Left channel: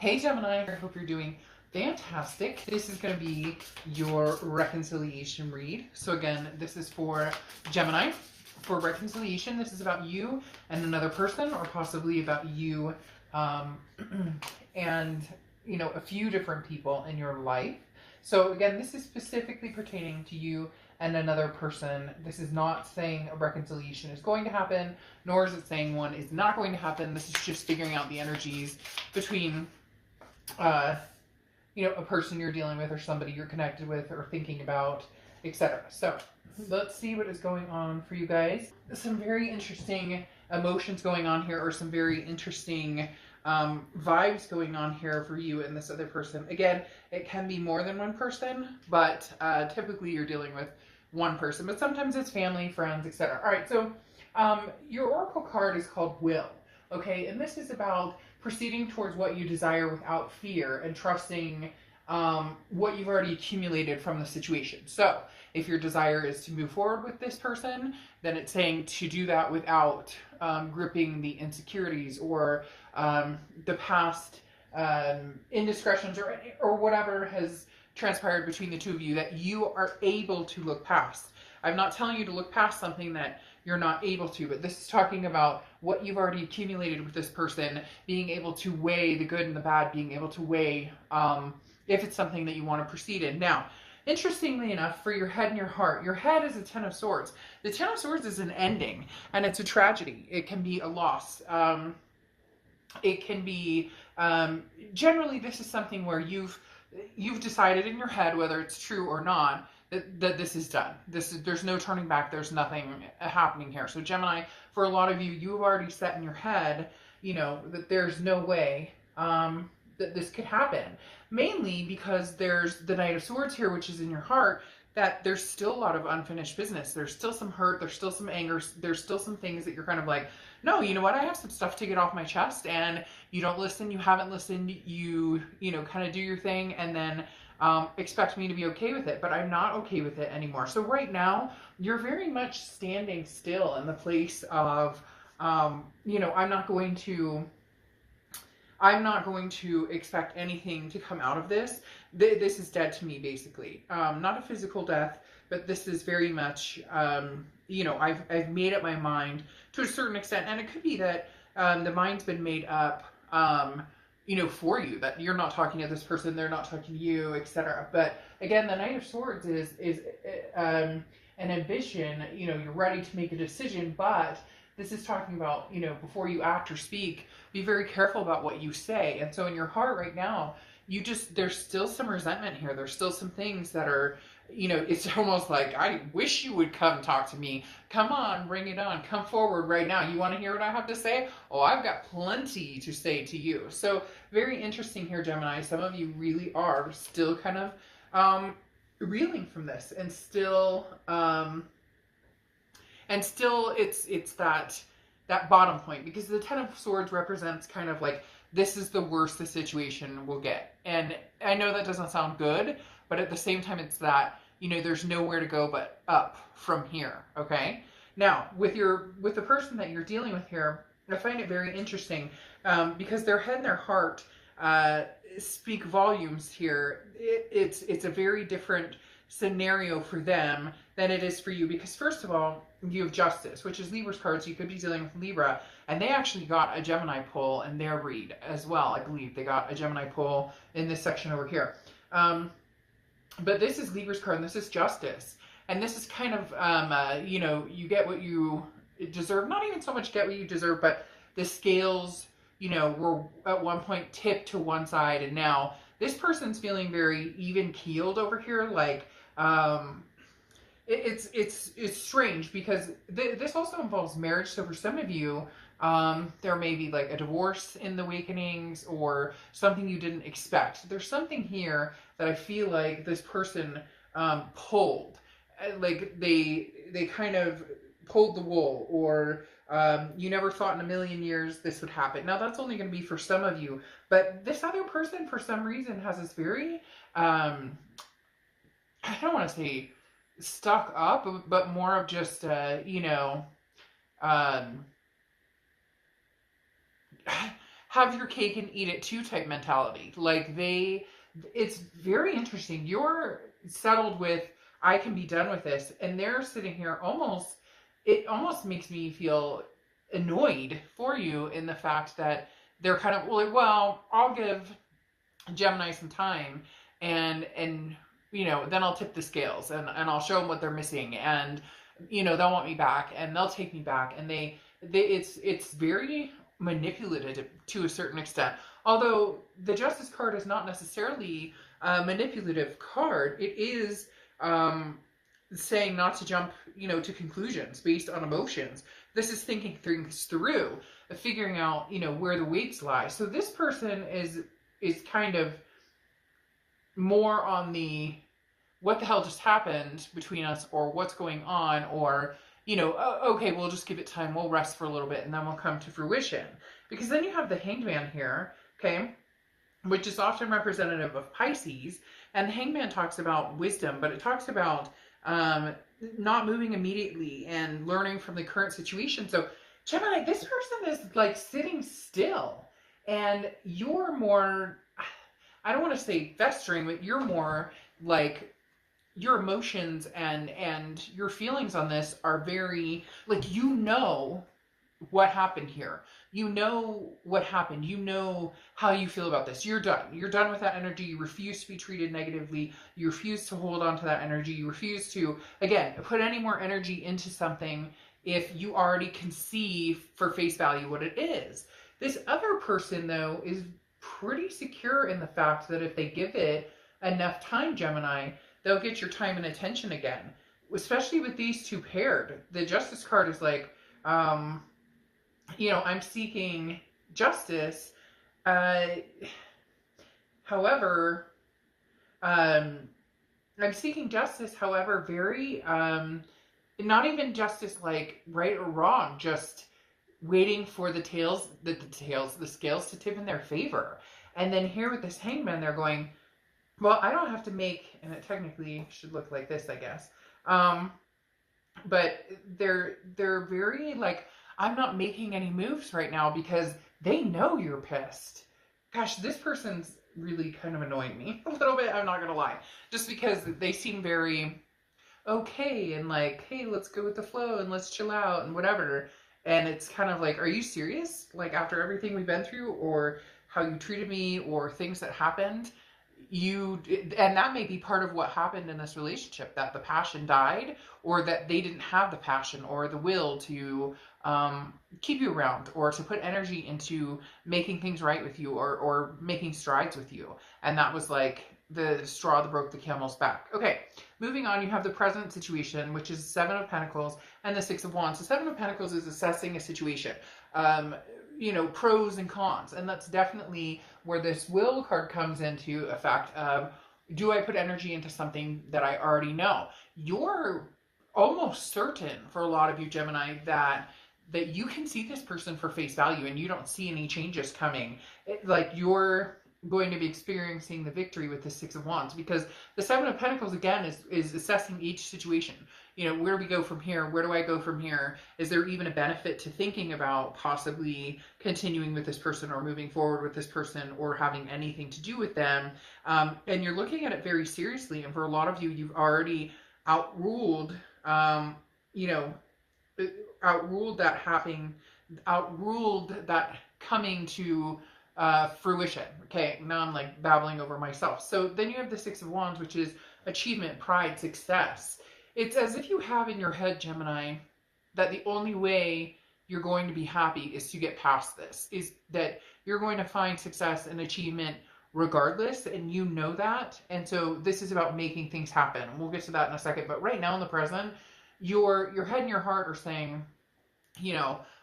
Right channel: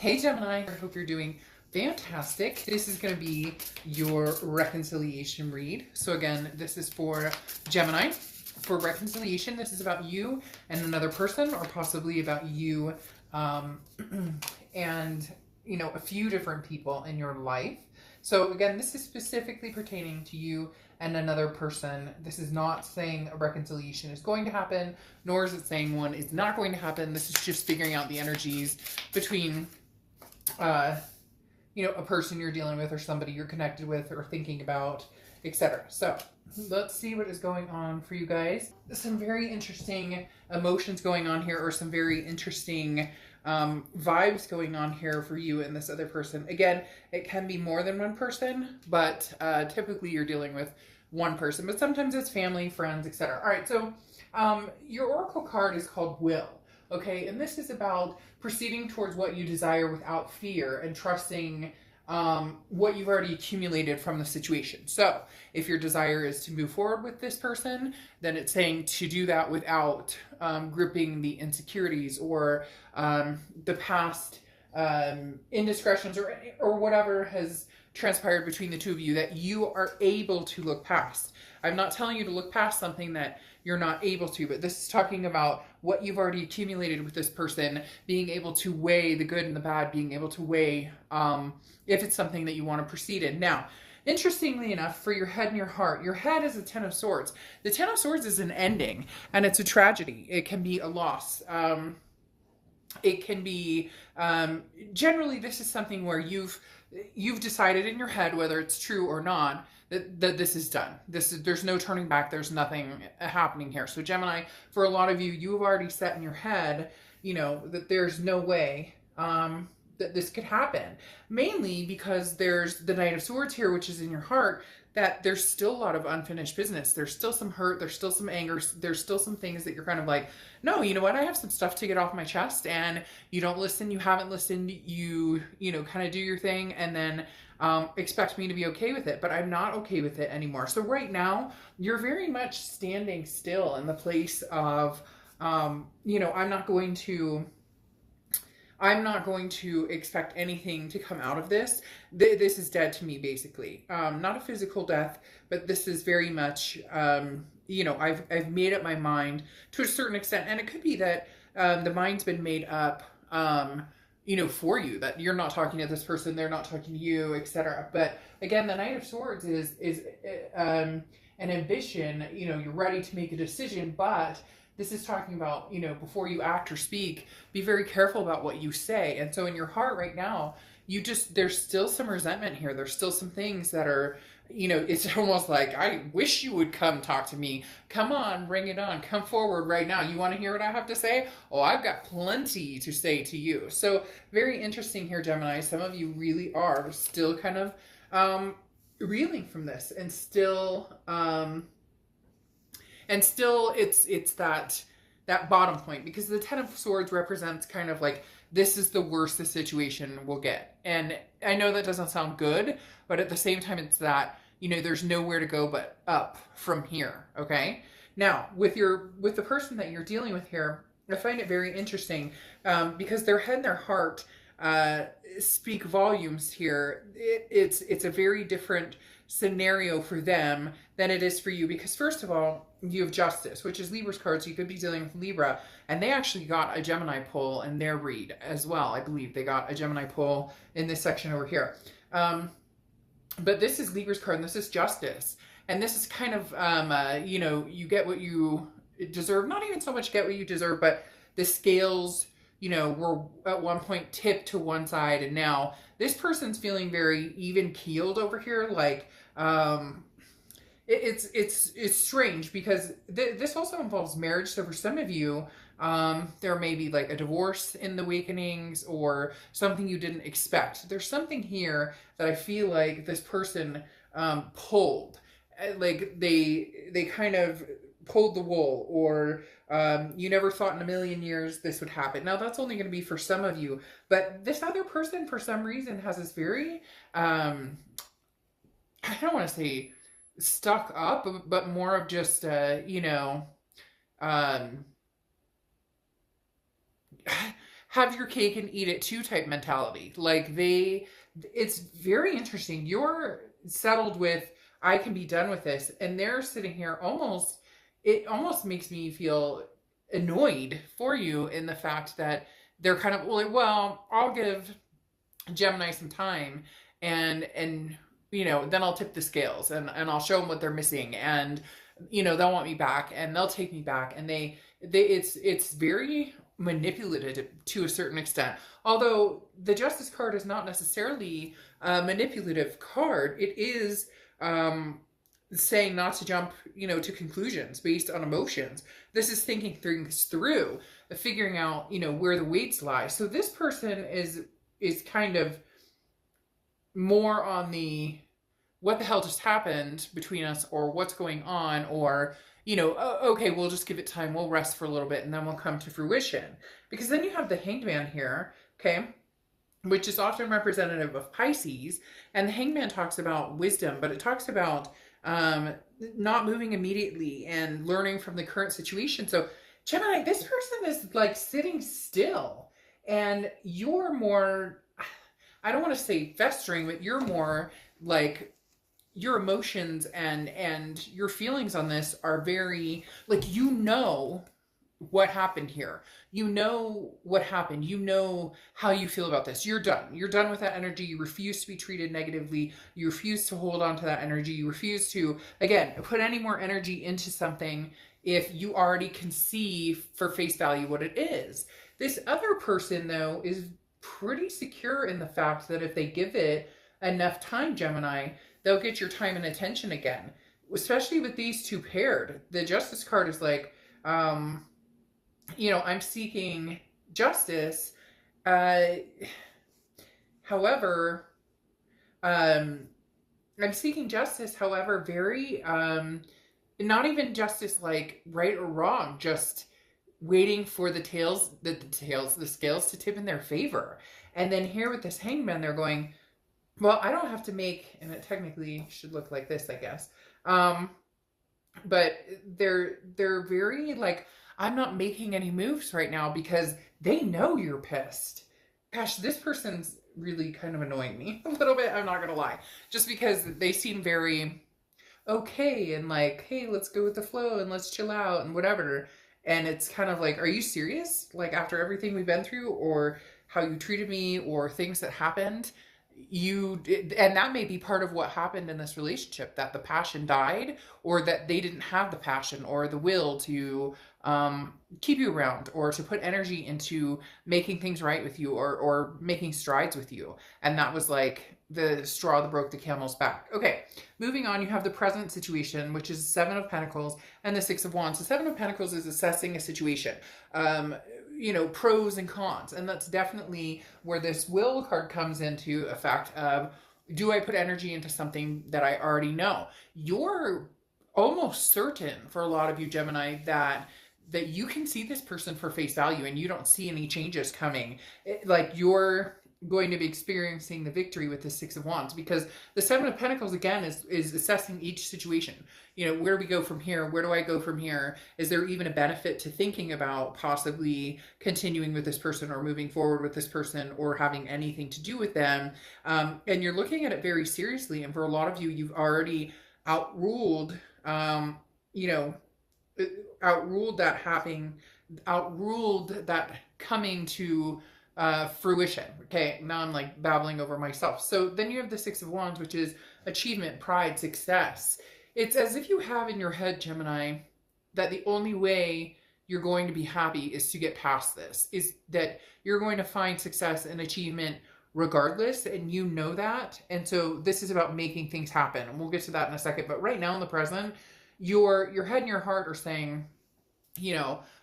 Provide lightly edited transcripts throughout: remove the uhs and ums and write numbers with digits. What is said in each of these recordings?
Hey Gemini, I hope you're doing fantastic. This is going to be your reconciliation read. So again, this is for Gemini. For reconciliation, this is about you and another person, or possibly about you and a few different people in your life. So again, this is specifically pertaining to you and another person. This is not saying a reconciliation is going to happen, nor is it saying one is not going to happen. This is just figuring out the energies between a person you're dealing with, or somebody you're connected with, or thinking about, etc. So let's see what is going on for you guys. Some very interesting emotions going on here, or some very interesting vibes going on here for you and this other person. Again, it can be more than one person, but typically you're dealing with one person, but sometimes it's family, friends, etc. All right, so your oracle card is called Will. Okay, and this is about proceeding towards what you desire without fear and trusting what you've already accumulated from the situation. So if your desire is to move forward with this person, then it's saying to do that without gripping the insecurities or the past indiscretions or whatever has transpired between the two of you, that you are able to look past. I'm not telling you to look past something that you're not able to, but this is talking about what you've already accumulated with this person, being able to weigh the good and the bad, being able to weigh if it's something that you want to proceed in. Now, interestingly enough, for your head and your heart, your head is a Ten of Swords. The Ten of Swords is an ending, and it's a tragedy. It can be a loss. It can be, generally this is something where you've decided in your head, whether it's true or not, that this is done. There's no turning back. There's nothing happening here. So Gemini, for a lot of you, you've already set in your head, that there's no way that this could happen. Mainly because there's the Knight of Swords here, which is in your heart, that there's still a lot of unfinished business. There's still some hurt. There's still some anger. There's still some things that you're kind of like, no, you know what? I have some stuff to get off my chest, and you don't listen. You haven't listened. You kind of do your thing, and then expect me to be okay with it, but I'm not okay with it anymore. So right now, you're very much standing still in the place of, I'm not going to expect anything to come out of this. This is dead to me, basically. Not a physical death, but this is very much, I've made up my mind to a certain extent, and it could be that the mind's been made up, for you, that you're not talking to this person, they're not talking to you, etc. But again, the Knight of Swords is an ambition. You're ready to make a decision, but this is talking about, before you act or speak, be very careful about what you say. And so in your heart right now, there's still some resentment here. There's still some things that are, it's almost like, I wish you would come talk to me. Come on, bring it on. Come forward right now. You want to hear what I have to say? Oh, I've got plenty to say to you. So very interesting here, Gemini. Some of you really are still kind of reeling from this, and still it's that bottom point, because the Ten of Swords represents kind of like, this is the worst the situation will get. And I know that doesn't sound good, but at the same time, it's that, there's nowhere to go but up from here, okay? Now, with the person that you're dealing with here, I find it very interesting because their head and their heart speak volumes here. It's a very different scenario for them than it is for you, because first of all, you have Justice, which is Libra's card, so you could be dealing with Libra, and they actually got a Gemini pull in their read as well. I believe they got a Gemini pull in this section over here. But this is Libra's card, and this is Justice, and this is kind of, you get what you deserve. Not even so much get what you deserve, but the scales, were at one point tipped to one side, and now this person's feeling very even keeled over here. Like, it's strange, because this also involves marriage. So for some of you, there may be like a divorce in the awakenings, or something you didn't expect. There's something here that I feel like this person pulled, like they kind of pulled the wool, or you never thought in a million years this would happen. Now that's only going to be for some of you, but this other person for some reason has this very I don't want to say stuck up, but more of just have your cake and eat it too type mentality. Like it's very interesting. You're settled with, I can be done with this. And they're sitting here it almost makes me feel annoyed for you in the fact that they're kind of like, well, I'll give Gemini some time and then I'll tip the scales and I'll show them what they're missing, and they'll want me back and they'll take me back, and it's very manipulative to a certain extent. Although the Justice card is not necessarily a manipulative card, it is saying not to jump to conclusions based on emotions. This is thinking things through, figuring out where the weights lie. So this person is kind of more on the what the hell just happened between us, or what's going on, or okay, we'll just give it time, we'll rest for a little bit and then we'll come to fruition. Because then you have the Hanged Man here, okay, which is often representative of Pisces, and the Hanged Man talks about wisdom, but it talks about not moving immediately and learning from the current situation. So Gemini, this person is like sitting still, and you're more, I don't want to say festering, but you're more like your emotions and your feelings on this are very, like, what happened here. What happened. How you feel about this. You're done. You're done with that energy. You refuse to be treated negatively. You refuse to hold on to that energy. You refuse to, again, put any more energy into something if you already can see for face value what it is. This other person, though, is pretty secure in the fact that if they give it enough time, Gemini, they'll get your time and attention again. Especially with these two paired. The Justice card is like, I'm seeking justice. However, I'm seeking justice, however, very, not even justice like right or wrong, just waiting for the scales to tip in their favor. And then here with this Hangman, they're going, well, I don't have to make, and it technically should look like this, I guess. But they're very like, I'm not making any moves right now because they know you're pissed. Gosh, this person's really kind of annoying me a little bit, I'm not gonna lie. Just because they seem very okay and like, hey, let's go with the flow and let's chill out and whatever. And it's kind of like, are you serious? Like, after everything we've been through, or how you treated me, or things that happened, and that may be part of what happened in this relationship, that the passion died, or that they didn't have the passion or the will to keep you around, or to put energy into making things right with you, or making strides with you. And that was like the straw that broke the camel's back. Okay, moving on, you have the present situation, which is 7 of Pentacles and the 6 of Wands. The 7 of Pentacles is assessing a situation, pros and cons. And that's definitely where this will card comes into effect of, do I put energy into something that I already know? You're almost certain, for a lot of you, Gemini, that you can see this person for face value and you don't see any changes coming. Like, you're going to be experiencing the victory with the 6 of Wands, because the 7 of Pentacles, again, is assessing each situation. Where do we go from here? Where do I go from here? Is there even a benefit to thinking about possibly continuing with this person, or moving forward with this person, or having anything to do with them? And you're looking at it very seriously. And for a lot of you, you've already outruled that coming to fruition. Okay, now I'm like babbling over myself. So then you have the 6 of Wands, which is achievement, pride, success. It's as if you have in your head, Gemini, that the only way you're going to be happy is to get past this, is that you're going to find success and achievement regardless, and you know that. And so this is about making things happen. And we'll get to that in a second. But right now in the present, your head and your heart are saying,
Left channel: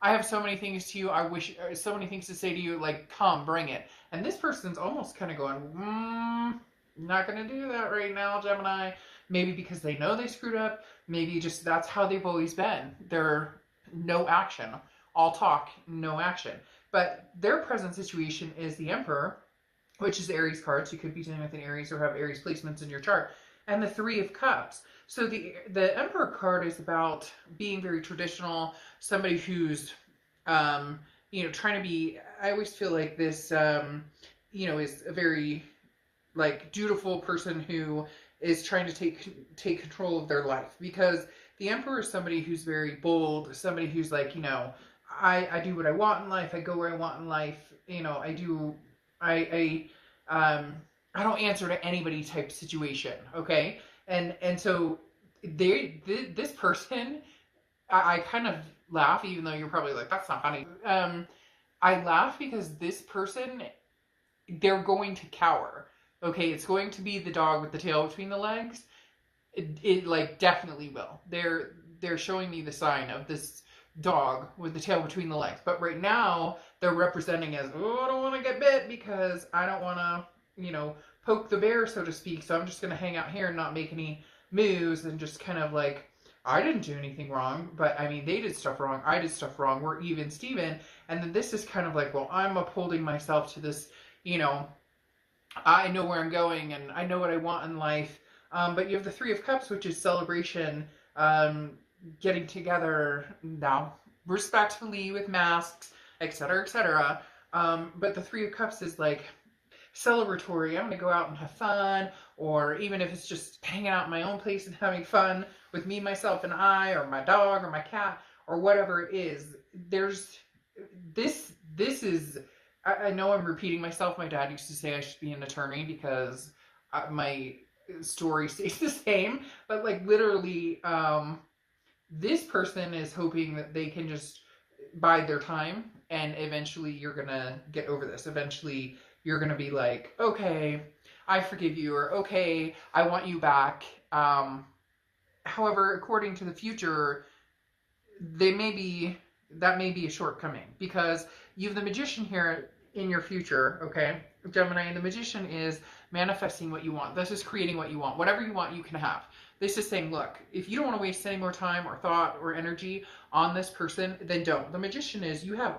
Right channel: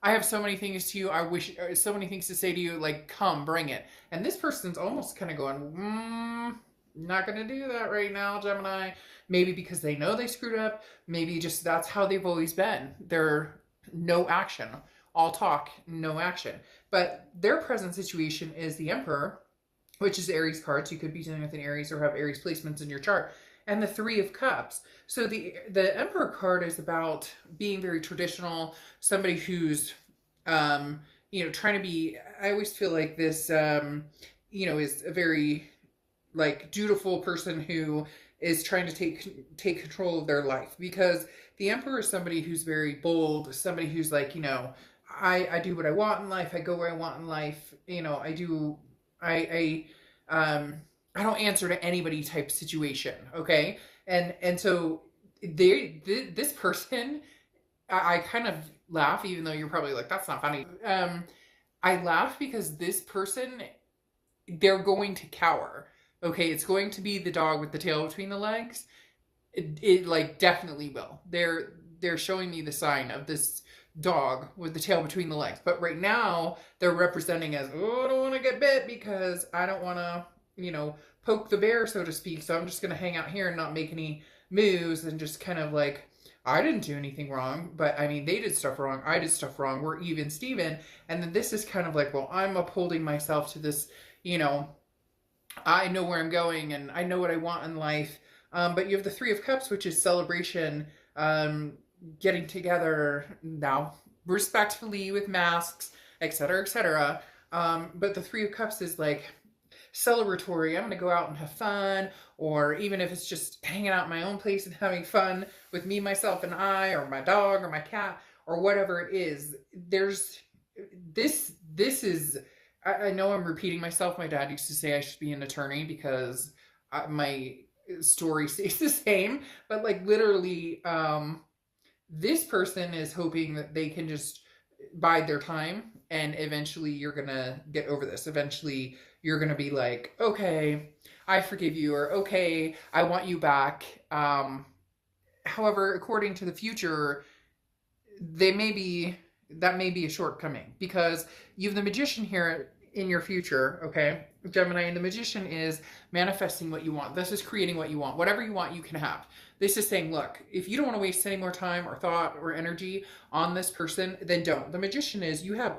I have so many things to you. I wish, so many things to say to you, like, come, bring it. And this person's almost kind of going, not going to do that right now, Gemini. Maybe because they know they screwed up. Maybe just that's how they've always been. They're no action. All talk, no action. But their present situation is the Emperor, which is Aries cards. You could be dealing with an Aries or have Aries placements in your chart. And the 3 of Cups. So the Emperor card is about being very traditional, somebody who's, trying to be I always feel like this, you know, is a very like dutiful person who is trying to take control of their life, because the emperor is somebody who's very bold, somebody who's like, you know, I do what I want in life, I go where I want in life, you know, I don't answer to anybody type situation, okay? And so this person, I kind of laugh, even though you're probably like, that's not funny. I laugh because this person, they're going to cower. Okay, it's going to be the dog with the tail between the legs. It like definitely will. They're showing me the sign of this dog with the tail between the legs. But right now they're representing as, oh, I don't want to get bit because I don't want to, you know, poke the bear, so to speak. So I'm just going to hang out here and not make any moves and just kind of like, I didn't do anything wrong, but I mean, they did stuff wrong. I did stuff wrong. We're even Steven. And then this is kind of like, well, I'm upholding myself to this, you know, I know where I'm going and I know what I want in life. But you have the Three of Cups, which is celebration, getting together now respectfully with masks, etc., etc. But the Three of Cups is like celebratory. I'm gonna go out and have fun, or even if it's just hanging out in my own place and having fun with me, myself, and I, or my dog, or my cat, or whatever it is. There's this is. I know I'm repeating myself. My dad used to say I should be an attorney because my story stays the same. But like literally, this person is hoping that they can just bide their time, and eventually you're gonna get over this. Eventually you're gonna be like, okay, I forgive you, or okay, I want you back. However, according to the future, that may be a shortcoming, because you have the Magician here in your future, okay, Gemini, and the Magician is manifesting what you want. This is creating what you want. Whatever you want, you can have. This is saying, look, if you don't want to waste any more time or thought or energy on this person, then don't. The Magician is, you have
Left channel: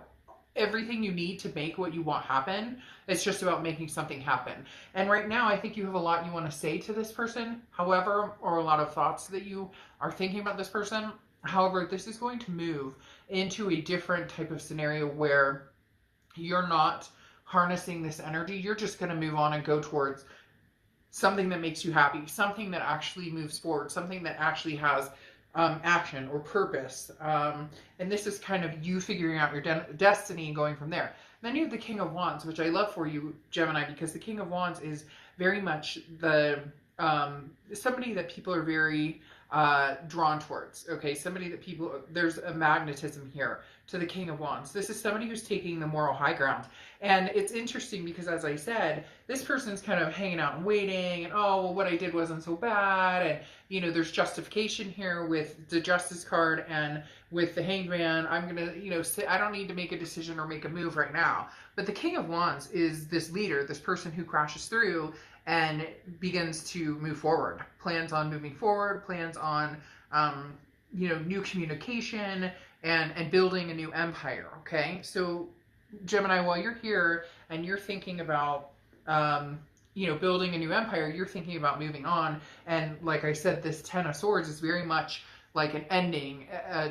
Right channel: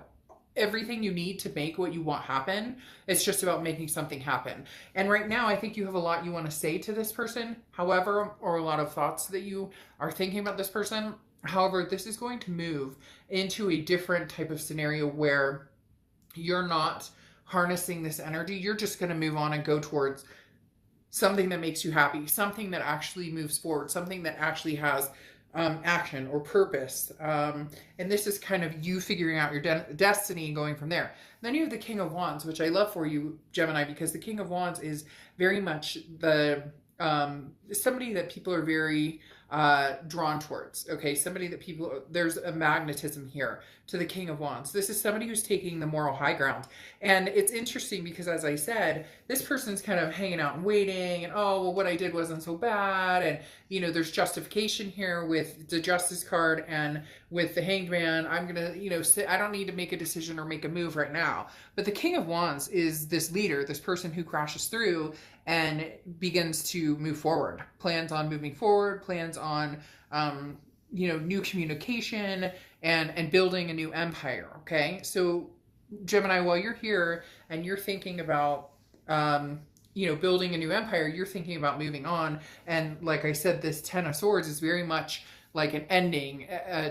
everything you need to make what you want happen. It's just about making something happen. And right now, I think you have a lot you want to say to this person, however, or a lot of thoughts that you are thinking about this person. However, this is going to move into a different type of scenario where you're not harnessing this energy. You're just going to move on and go towards something that makes you happy, something that actually moves forward, something that actually has action or purpose. And this is kind of you figuring out your destiny and going from there. Then you have the King of Wands, which I love for you, Gemini, because the King of Wands is very much the somebody that people are very drawn towards. Okay, somebody that people, there's a magnetism here to the King of Wands. This is somebody who's taking the moral high ground. And it's interesting because, as I said, this person's kind of hanging out and waiting, and oh, well, what I did wasn't so bad, and you know, there's justification here with the Justice card and with the Hanged Man. I'm gonna, you know, I don't need to make a decision or make a move right now. But the King of Wands is this leader, this person who crashes through and begins to move forward, plans on moving forward, plans on, you know, new communication and building a new empire. Okay, so Gemini, while you're here and you're thinking about, you know, building a new empire, you're thinking about moving on. And like I said, this Ten of Swords is very much like an ending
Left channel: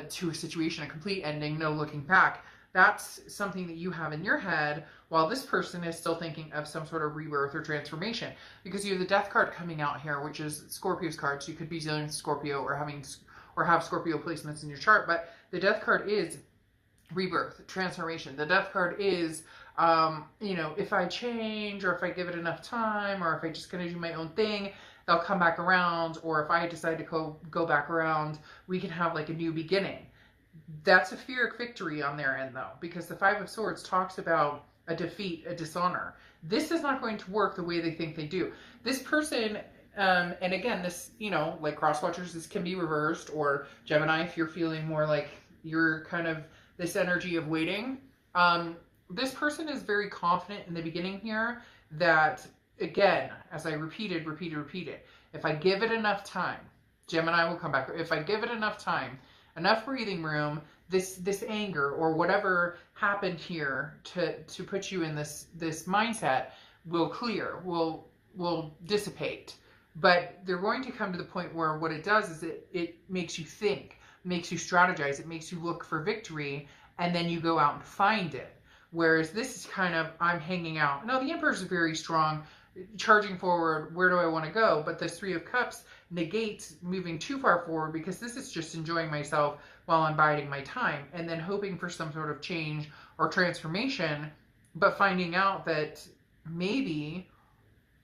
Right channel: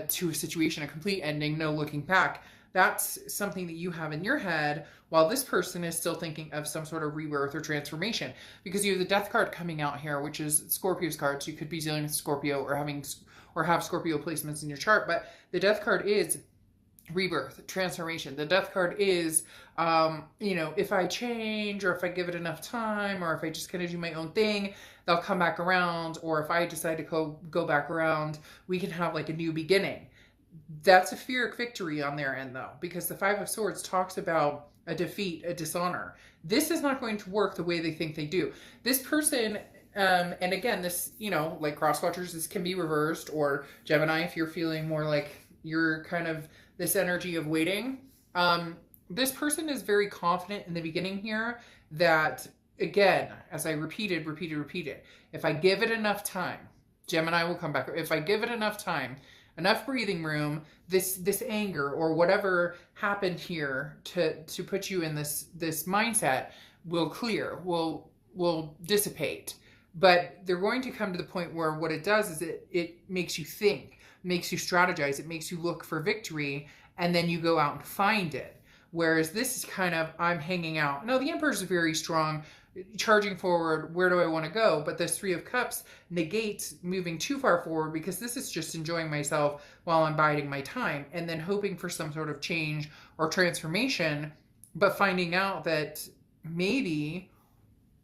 to a situation, a complete ending, no looking back. That's something that you have in your head, while this person is still thinking of some sort of rebirth or transformation. Because you have the Death card coming out here, which is Scorpio's card. So you could be dealing with Scorpio or have Scorpio placements in your chart. But the Death card is rebirth, transformation. The Death card is, you know, if I change, or if I give it enough time, or if I just kind of do my own thing, they'll come back around. Or if I decide to go back around, we can have like a new beginning. That's a Pyrrhic victory on their end, though, because the Five of Swords talks about a defeat, a dishonor. This is not going to work the way they think they do. This person, and again, this, you know, like cross watchers, this can be reversed, or Gemini, if you're feeling more like you're kind of this energy of waiting. This person is very confident in the beginning here that, again, as I repeated, if I give it enough time, Gemini will come back. If I give it enough time, enough breathing room, this anger or whatever happened here to put you in this mindset will clear, will dissipate. But they're going to come to the point where what it does is it makes you think, makes you strategize, it makes you look for victory, and then you go out and find it. Whereas this is kind of, I'm hanging out. Now, the Emperor is very strong, charging forward, where do I want to go? But this Three of Cups negates moving too far forward, because this is just enjoying myself while I'm biding my time, and then hoping for some sort of change or transformation, but finding out that maybe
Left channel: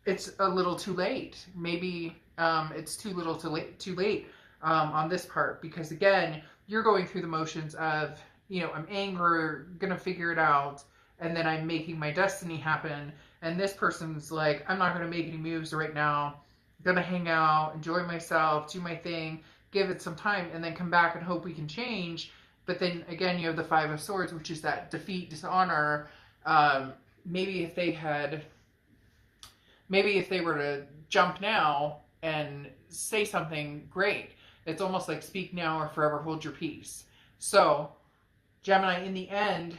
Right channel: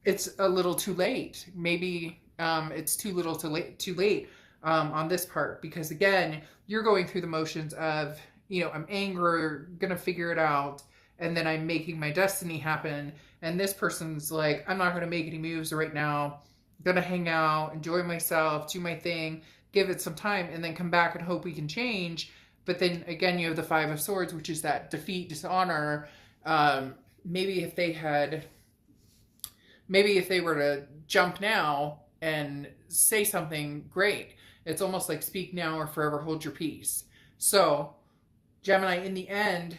it's a little too late. Maybe it's too little too late on this part, because again, you're going through the motions of, you know, I'm angry, gonna figure it out, and then I'm making my destiny happen. And this person's like, I'm not gonna make any moves right now. I'm gonna hang out, enjoy myself, do my thing, give it some time, and then come back and hope we can change. But then again, you have the Five of Swords, which is that defeat, dishonor. Maybe if they were to jump now and say something great, it's almost like speak now or forever hold your peace. So Gemini, in the end,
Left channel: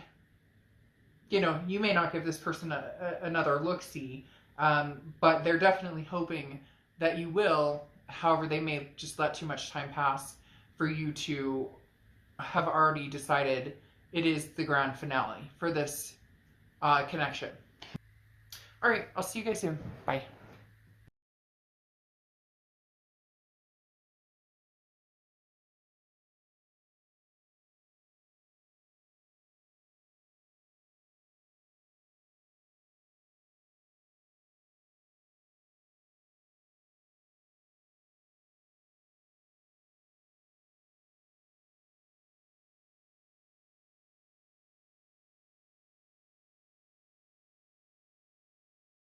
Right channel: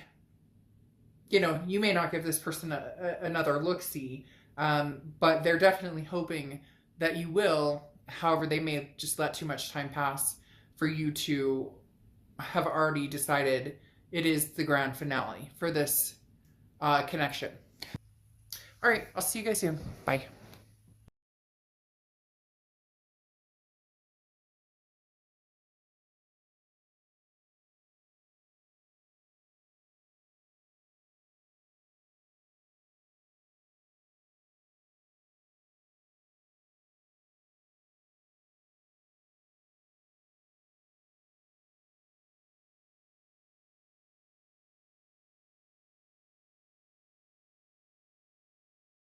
you know, you may not give this person another look-see, but they're definitely hoping that you will. However, they may just let too much time pass for you to have already decided it is the grand finale for this connection. All right, I'll see you guys soon. Bye.